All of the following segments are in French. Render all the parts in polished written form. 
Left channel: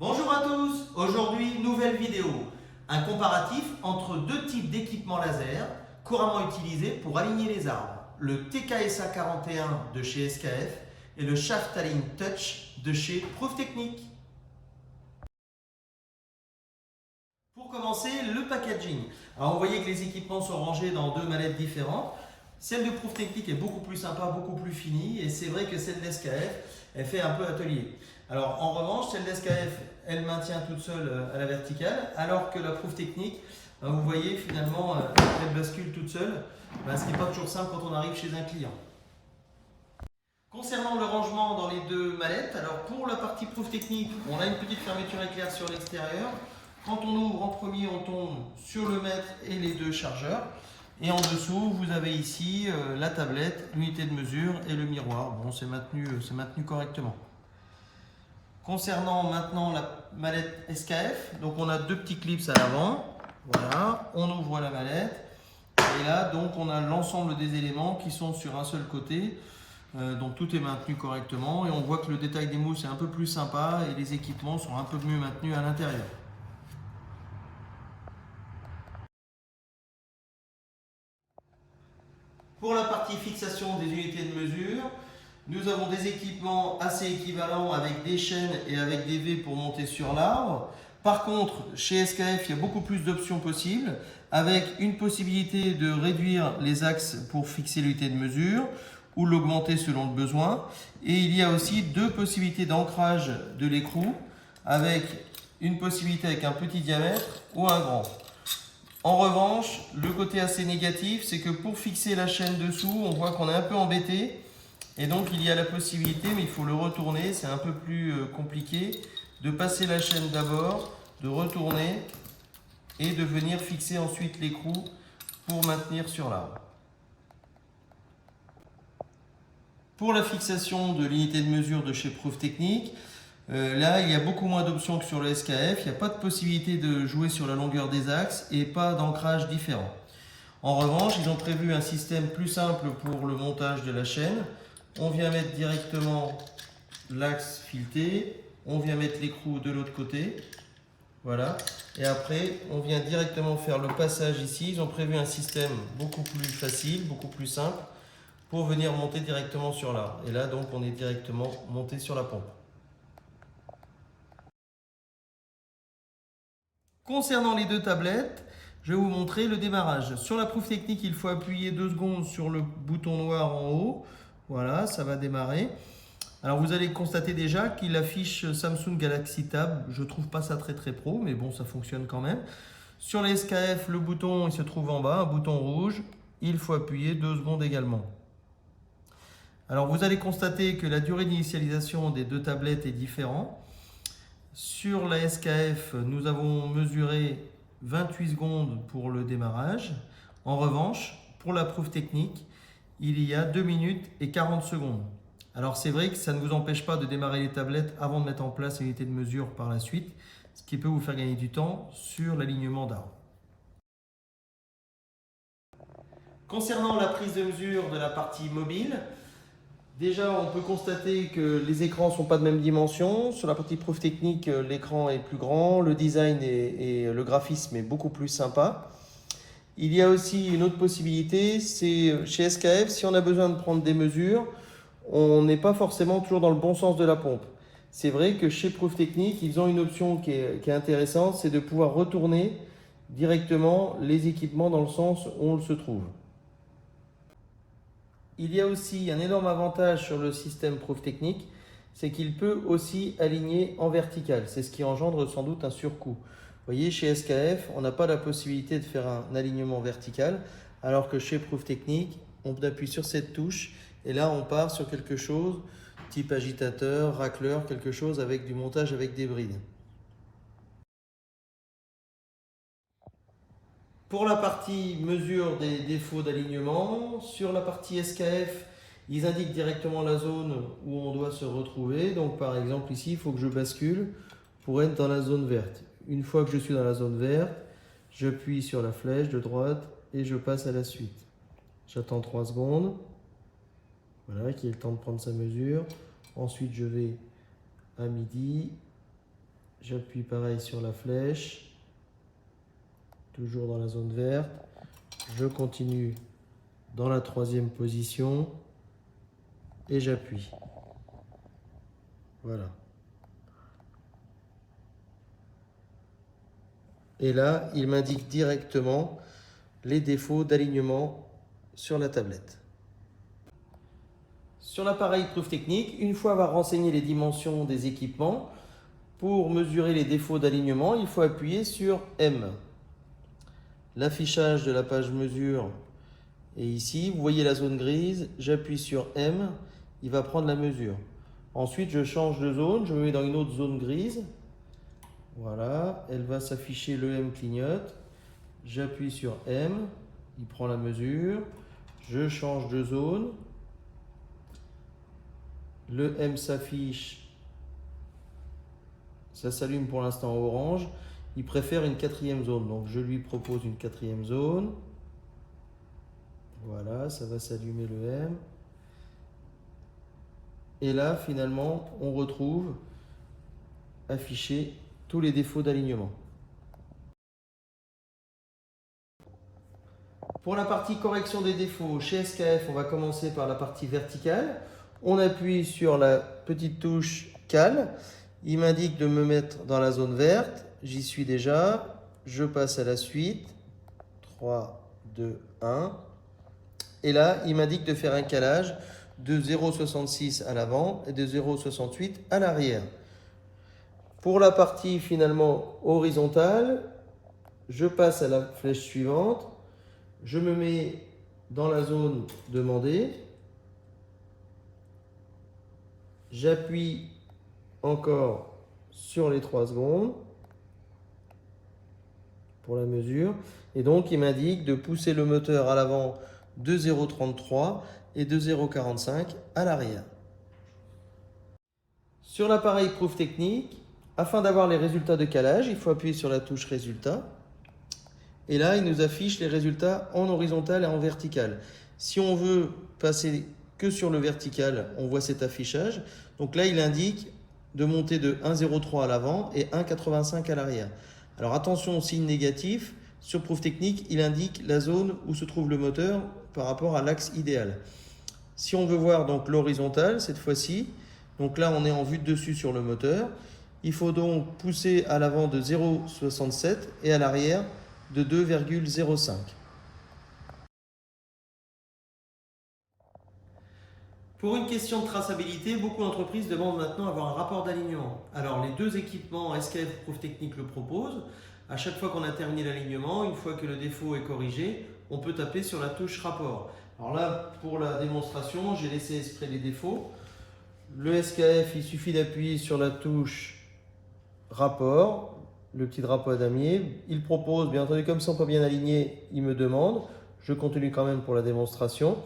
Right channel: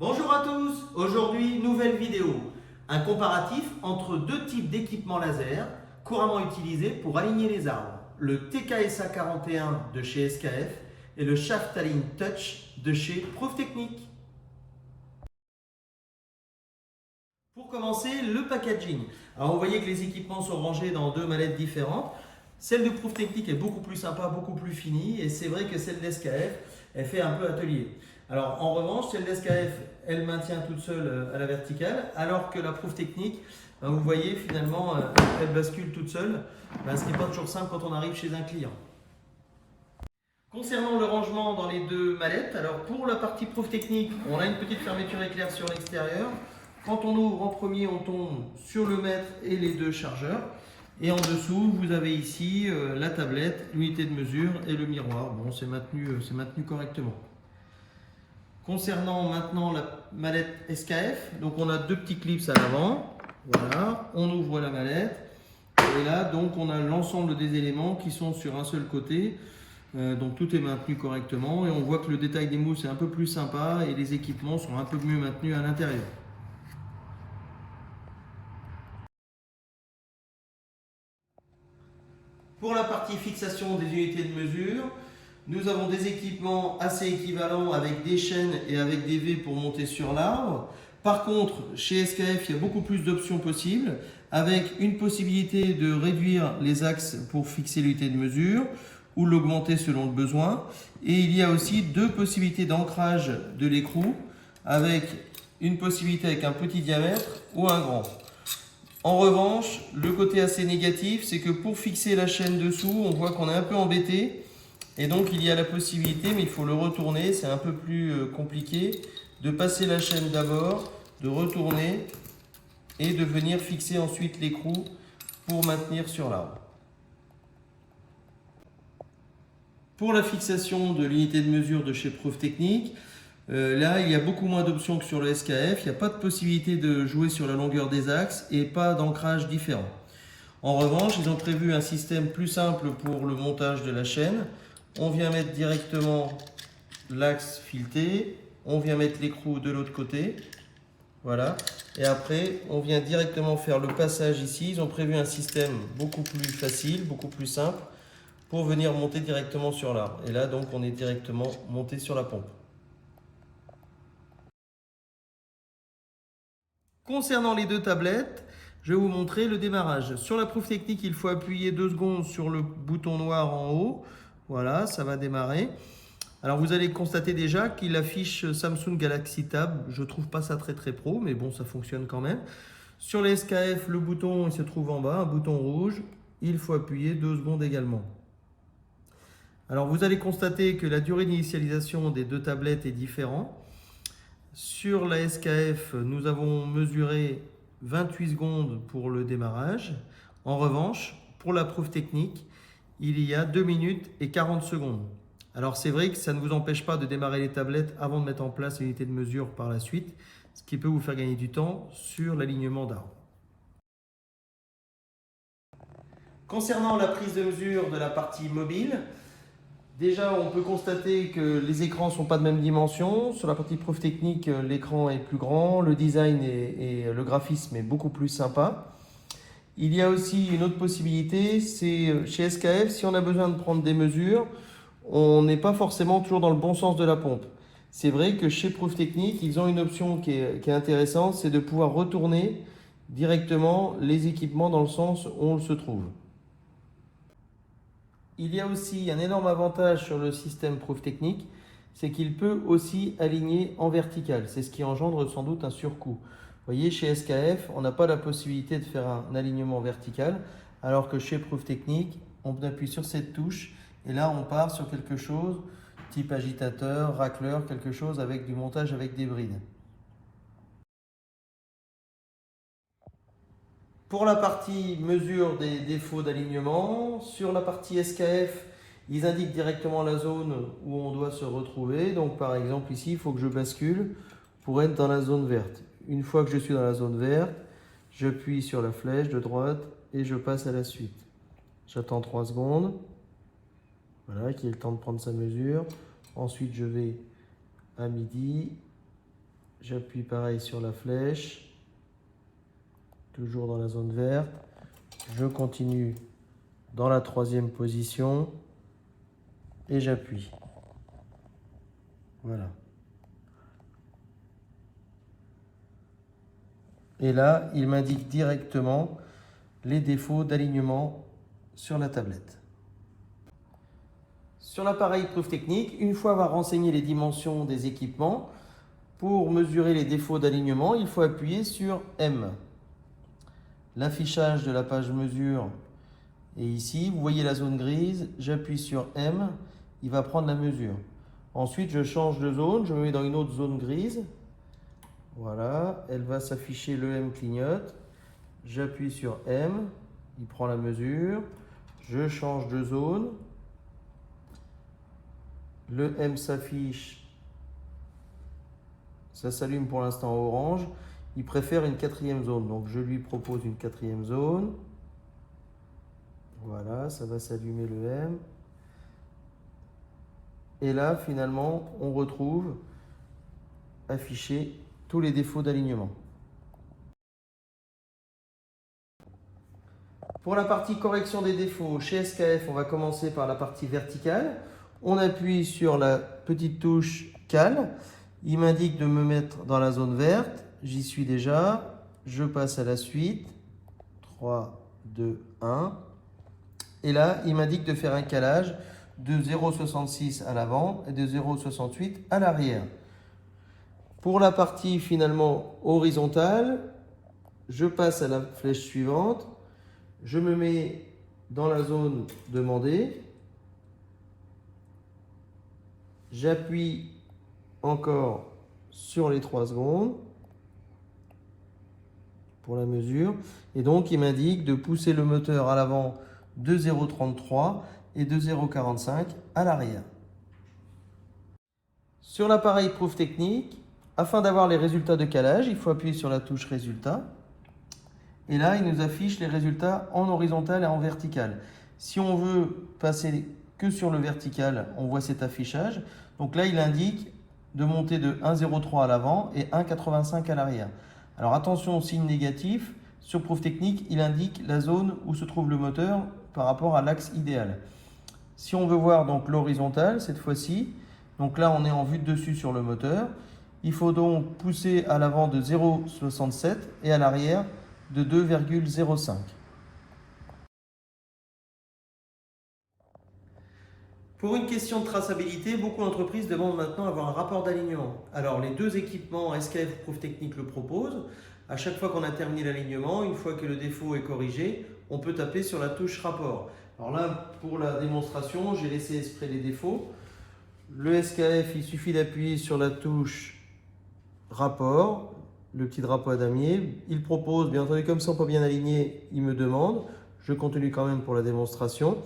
Bonjour à tous, aujourd'hui nouvelle vidéo, un comparatif entre deux types d'équipements laser couramment utilisés pour aligner les arbres, le TKSA 41 de chez SKF et le Shaftaline Touch de chez Proof Technique. Pour commencer, le packaging. Alors vous voyez que les équipements sont rangés dans deux mallettes différentes. Celle de Proof Technique est beaucoup plus sympa, beaucoup plus finie, et c'est vrai que celle d'SKF, elle fait un peu atelier. Alors en revanche, celle d'SKF, elle maintient toute seule à la verticale, alors que la Proof Technique, vous voyez finalement, elle bascule toute seule, ce qui n'est pas toujours simple quand on arrive chez un client. Concernant le rangement dans les deux mallettes, alors pour la partie Proof Technique, on a une petite fermeture éclair sur l'extérieur. Quand on ouvre en premier, on tombe sur le mètre et les deux chargeurs. Et en dessous, vous avez ici la tablette, l'unité de mesure et le miroir. Bon, c'est maintenu correctement. Concernant maintenant la mallette SKF, donc on a deux petits clips à l'avant. Voilà, on ouvre la mallette. Et là, donc, on a l'ensemble des éléments qui sont sur un seul côté. Donc tout est maintenu correctement. Et on voit que le détail des mousses est un peu plus sympa et les équipements sont un peu mieux maintenus à l'intérieur. Pour la partie fixation des unités de mesure, nous avons des équipements assez équivalents avec des chaînes et avec des V pour monter sur l'arbre. Par contre, chez SKF, il y a beaucoup plus d'options possibles, avec une possibilité de réduire les axes pour fixer l'unité de mesure ou l'augmenter selon le besoin. Et il y a aussi deux possibilités d'ancrage de l'écrou, avec une possibilité avec un petit diamètre ou un grand. En revanche, le côté assez négatif, c'est que pour fixer la chaîne dessous, on voit qu'on est un peu embêté. Et donc, il y a la possibilité, mais il faut le retourner, c'est un peu plus compliqué, de passer la chaîne d'abord, de retourner et de venir fixer ensuite l'écrou pour maintenir sur l'arbre. Pour la fixation de l'unité de mesure de chez Proof Technique, là, il y a beaucoup moins d'options que sur le SKF. Il n'y a pas de possibilité de jouer sur la longueur des axes et pas d'ancrage différent. En revanche, ils ont prévu un système plus simple pour le montage de la chaîne. On vient mettre directement l'axe fileté, on vient mettre l'écrou de l'autre côté. Voilà. Et après, on vient directement faire le passage ici. Ils ont prévu un système beaucoup plus facile, beaucoup plus simple pour venir monter directement sur l'arbre. Et là, donc, on est directement monté sur la pompe. Concernant les deux tablettes, je vais vous montrer le démarrage. Sur la Proof Technique, il faut appuyer 2 secondes sur le bouton noir en haut. Voilà, ça va démarrer. Alors vous allez constater déjà qu'il affiche Samsung Galaxy Tab. Je ne trouve pas ça très pro, mais bon, ça fonctionne quand même. Sur les SKF, le bouton il se trouve en bas, un bouton rouge. Il faut appuyer 2 secondes également. Alors vous allez constater que la durée d'initialisation des deux tablettes est différente. Sur la SKF, nous avons mesuré 28 secondes pour le démarrage. En revanche, pour la Proof Technique, il y a 2 minutes et 40 secondes. Alors c'est vrai que ça ne vous empêche pas de démarrer les tablettes avant de mettre en place l'unité de mesure par la suite, ce qui peut vous faire gagner du temps sur l'alignement d'arbres. Concernant la prise de mesure de la partie mobile, déjà, on peut constater que les écrans ne sont pas de même dimension. Sur la partie Proof Technique, l'écran est plus grand, le design et le graphisme est beaucoup plus sympa. Il y a aussi une autre possibilité, c'est chez SKF, si on a besoin de prendre des mesures, on n'est pas forcément toujours dans le bon sens de la pompe. C'est vrai que chez Proof Technique, ils ont une option qui est intéressante, c'est de pouvoir retourner directement les équipements dans le sens où on se trouve. Il y a aussi un énorme avantage sur le système Proof Technique, c'est qu'il peut aussi aligner en vertical. C'est ce qui engendre sans doute un surcoût. Vous voyez, chez SKF, on n'a pas la possibilité de faire un alignement vertical, alors que chez Proof Technique, on appuie sur cette touche et là on part sur quelque chose type agitateur, racleur, quelque chose avec du montage avec des brides. Pour la partie mesure des défauts d'alignement, sur la partie SKF, ils indiquent directement la zone où on doit se retrouver. Donc par exemple ici, il faut que je bascule pour être dans la zone verte. Une fois que je suis dans la zone verte, j'appuie sur la flèche de droite et je passe à la suite. J'attends 3 secondes. Voilà, qu'il ait le temps de prendre sa mesure. Ensuite, je vais à midi. J'appuie pareil sur la flèche, toujours dans la zone verte. Je continue dans la troisième position et j'appuie. Voilà. Et là, il m'indique directement les défauts d'alignement sur la tablette. Sur l'appareil preuve technique, une fois avoir renseigné les dimensions des équipements, pour mesurer les défauts d'alignement, il faut appuyer sur M. L'affichage de la page mesure est ici. Vous voyez la zone grise, j'appuie sur M, il va prendre la mesure. Ensuite, je change de zone, je me mets dans une autre zone grise. Voilà, elle va s'afficher, le M clignote. J'appuie sur M, il prend la mesure. Je change de zone. Le M s'affiche. Ça s'allume pour l'instant en orange. Il préfère une quatrième zone, donc je lui propose une quatrième zone. Voilà, ça va s'allumer le M. Et là, finalement, on retrouve affiché tous les défauts d'alignement. Pour la partie correction des défauts, chez SKF, on va commencer par la partie verticale. On appuie sur la petite touche Cal. Il m'indique de me mettre dans la zone verte. J'y suis déjà. Je passe à la suite. 3, 2, 1. Et là, il m'indique de faire un calage de 0,66 à l'avant et de 0,68 à l'arrière. Pour la partie finalement horizontale, je passe à la flèche suivante. Je me mets dans la zone demandée. J'appuie encore sur les 3 secondes pour la mesure. Et donc, il m'indique de pousser le moteur à l'avant de 0,33 et de 0,45 à l'arrière. Sur l'appareil preuve technique, afin d'avoir les résultats de calage, il faut appuyer sur la touche résultat. Et là, il nous affiche les résultats en horizontal et en vertical. Si on veut passer que sur le vertical, on voit cet affichage. Donc là, il indique de monter de 1,03 à l'avant et 1,85 à l'arrière. Alors attention au signe négatif. Sur preuve technique, il indique la zone où se trouve le moteur par rapport à l'axe idéal. Si on veut voir donc l'horizontale cette fois-ci, donc là on est en vue de dessus sur le moteur, il faut donc pousser à l'avant de 0,67 et à l'arrière de 2,05. Pour une question de traçabilité, beaucoup d'entreprises demandent maintenant avoir un rapport d'alignement. Alors les deux équipements SKF Preuve Technique le proposent. À chaque fois qu'on a terminé l'alignement, une fois que le défaut est corrigé, on peut taper sur la touche rapport. Alors là, pour la démonstration, j'ai laissé exprès les défauts. Le SKF, il suffit d'appuyer sur la touche rapport, le petit drapeau à damier. Il propose, bien entendu, comme ils ne sont pas bien alignés, il me demande. Je continue quand même pour la démonstration.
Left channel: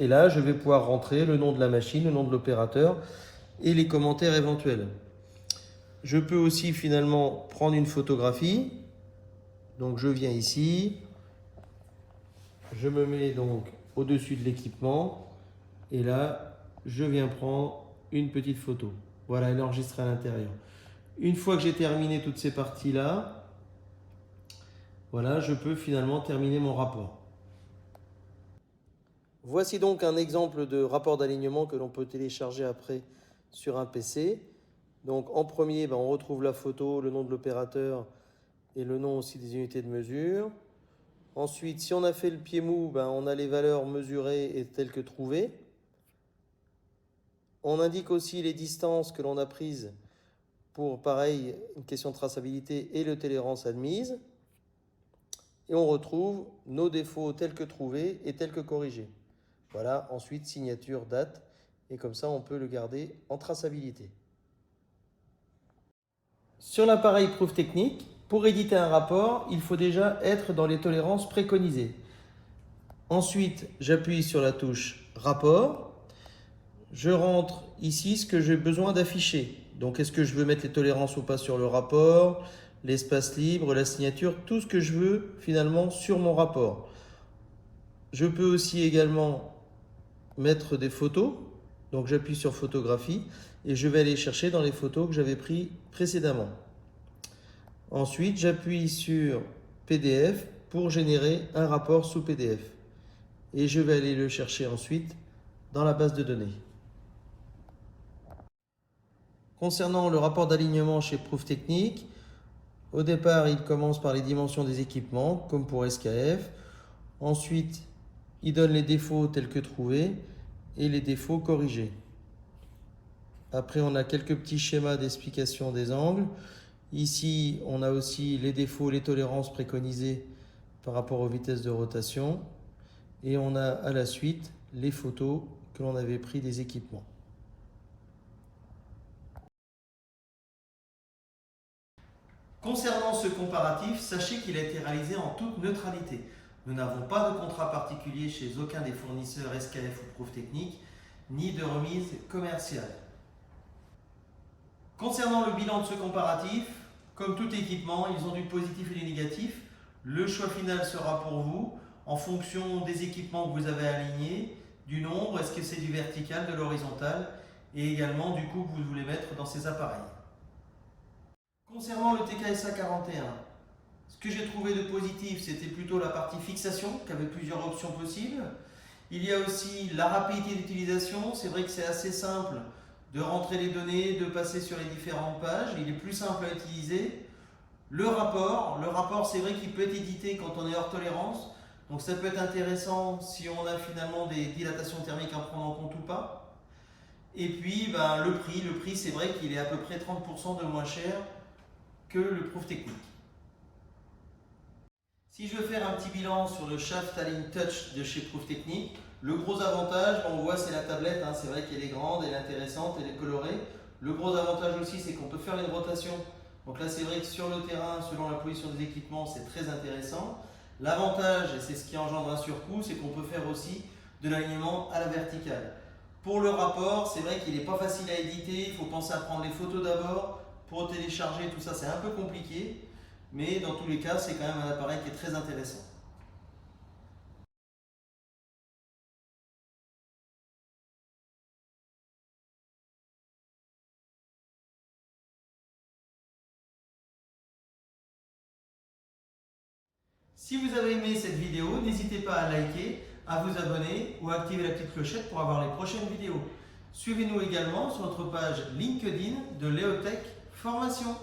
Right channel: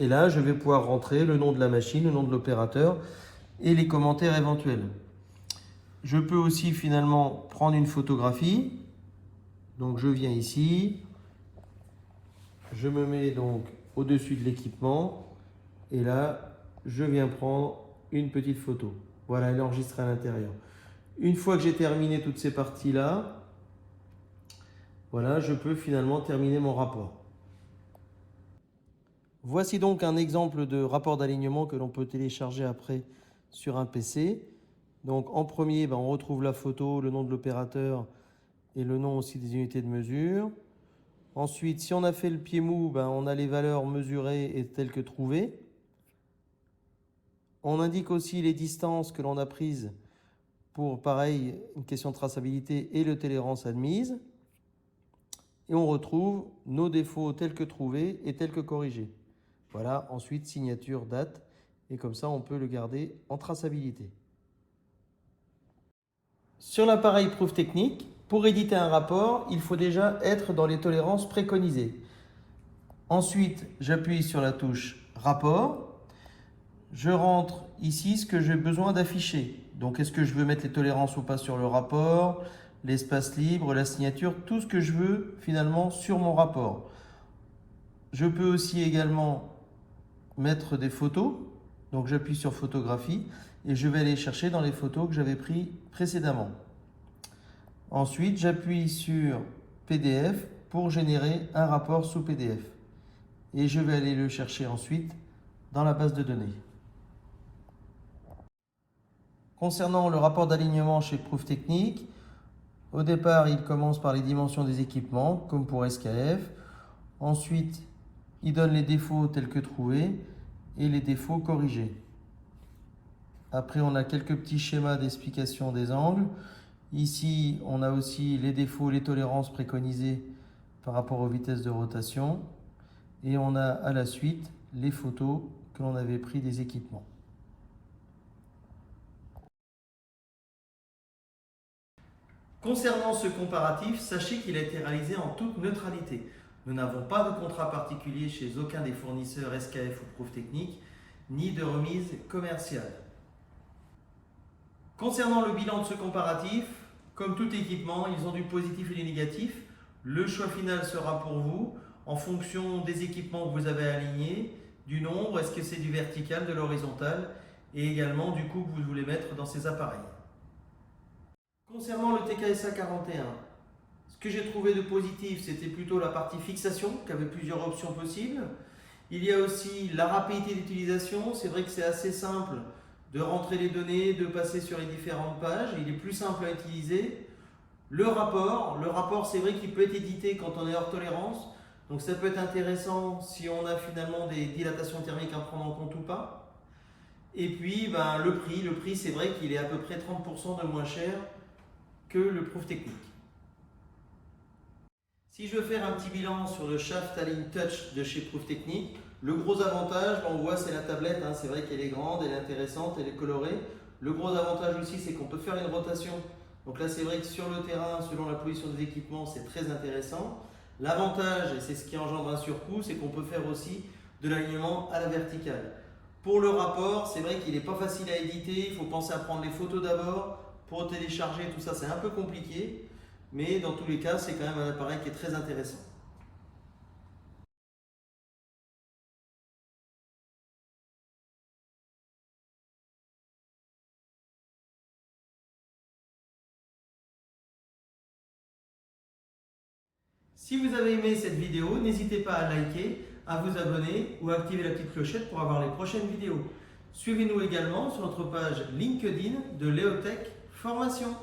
Et là, je vais pouvoir rentrer le nom de la machine, le nom de l'opérateur et les commentaires éventuels. Je peux aussi finalement prendre une photographie. Donc je viens ici, je me mets donc au-dessus de l'équipement et là, je viens prendre une petite photo. Voilà, elle est enregistrée à l'intérieur. Une fois que j'ai terminé toutes ces parties-là, voilà, je peux finalement terminer mon rapport. Voici donc un exemple de rapport d'alignement que l'on peut télécharger après sur un PC. Donc en premier, on retrouve la photo, le nom de l'opérateur et le nom aussi des unités de mesure. Ensuite, si on a fait le pied mou, on a les valeurs mesurées et telles que trouvées. On indique aussi les distances que l'on a prises pour, pareil, une question de traçabilité et le tolérance admise. Et on retrouve nos défauts tels que trouvés et tels que corrigés. Voilà, ensuite signature, date, et comme ça on peut le garder en traçabilité. Sur l'appareil preuve technique, pour éditer un rapport, il faut déjà être dans les tolérances préconisées. Ensuite, j'appuie sur la touche rapport. Je rentre ici ce que j'ai besoin d'afficher. Donc, est-ce que je veux mettre les tolérances ou pas sur le rapport, l'espace libre, la signature, tout ce que je veux finalement sur mon rapport. Je peux aussi également mettre des photos. Donc, j'appuie sur photographie et je vais aller chercher dans les photos que j'avais prises précédemment. Ensuite, j'appuie sur PDF pour générer un rapport sous PDF. Et je vais aller le chercher ensuite dans la base de données. Concernant le rapport d'alignement chez Prouftechnique, au départ, il commence par les dimensions des équipements, comme pour SKF. Ensuite, il donne les défauts tels que trouvés et les défauts corrigés. Après, on a quelques petits schémas d'explication des angles. Ici, on a aussi les défauts, les tolérances préconisées par rapport aux vitesses de rotation. Et on a à la suite les photos que l'on avait prises des équipements. Concernant ce comparatif, sachez qu'il a été réalisé en toute neutralité. Nous n'avons pas de contrat particulier chez aucun des fournisseurs SKF ou Prouftechnique, ni de remise commerciale. Concernant le bilan de ce comparatif, comme tout équipement, ils ont du positif et du négatif. Le choix final sera pour vous en fonction des équipements que vous avez alignés, du nombre, est-ce que c'est du vertical, de l'horizontal, et également du coût que vous voulez mettre dans ces appareils. Concernant le TKSA 41, ce que j'ai trouvé de positif, c'était plutôt la partie fixation, qui avait plusieurs options possibles. Il y a aussi la rapidité d'utilisation. C'est vrai que c'est assez simple de rentrer les données, de passer sur les différentes pages. Il est plus simple à utiliser. Le rapport, c'est vrai qu'il peut être édité quand on est hors tolérance. Donc ça peut être intéressant si on a finalement des dilatations thermiques à prendre en compte ou pas. Et puis le prix, c'est vrai qu'il est à peu près 30% de moins cher que le Prouftechnique. Si je veux faire un petit bilan sur le Shaft Align Touch de chez Prouftechnique, le gros avantage, on voit c'est la tablette, c'est vrai qu'elle est grande, elle est intéressante, elle est colorée. Le gros avantage aussi, c'est qu'on peut faire une rotation. Donc là, c'est vrai que sur le terrain, selon la position des équipements, c'est très intéressant. L'avantage, et c'est ce qui engendre un surcoût, c'est qu'on peut faire aussi de l'alignement à la verticale. Pour le rapport, c'est vrai qu'il n'est pas facile à éditer, il faut penser à prendre les photos d'abord, pour télécharger, tout ça, c'est un peu compliqué. Mais dans tous les cas, c'est quand même un appareil qui est très intéressant. Si vous avez aimé cette vidéo, n'hésitez pas à liker, à vous abonner ou à activer la petite clochette pour avoir les prochaines vidéos. Suivez-nous également sur notre page LinkedIn de Leotech Formation.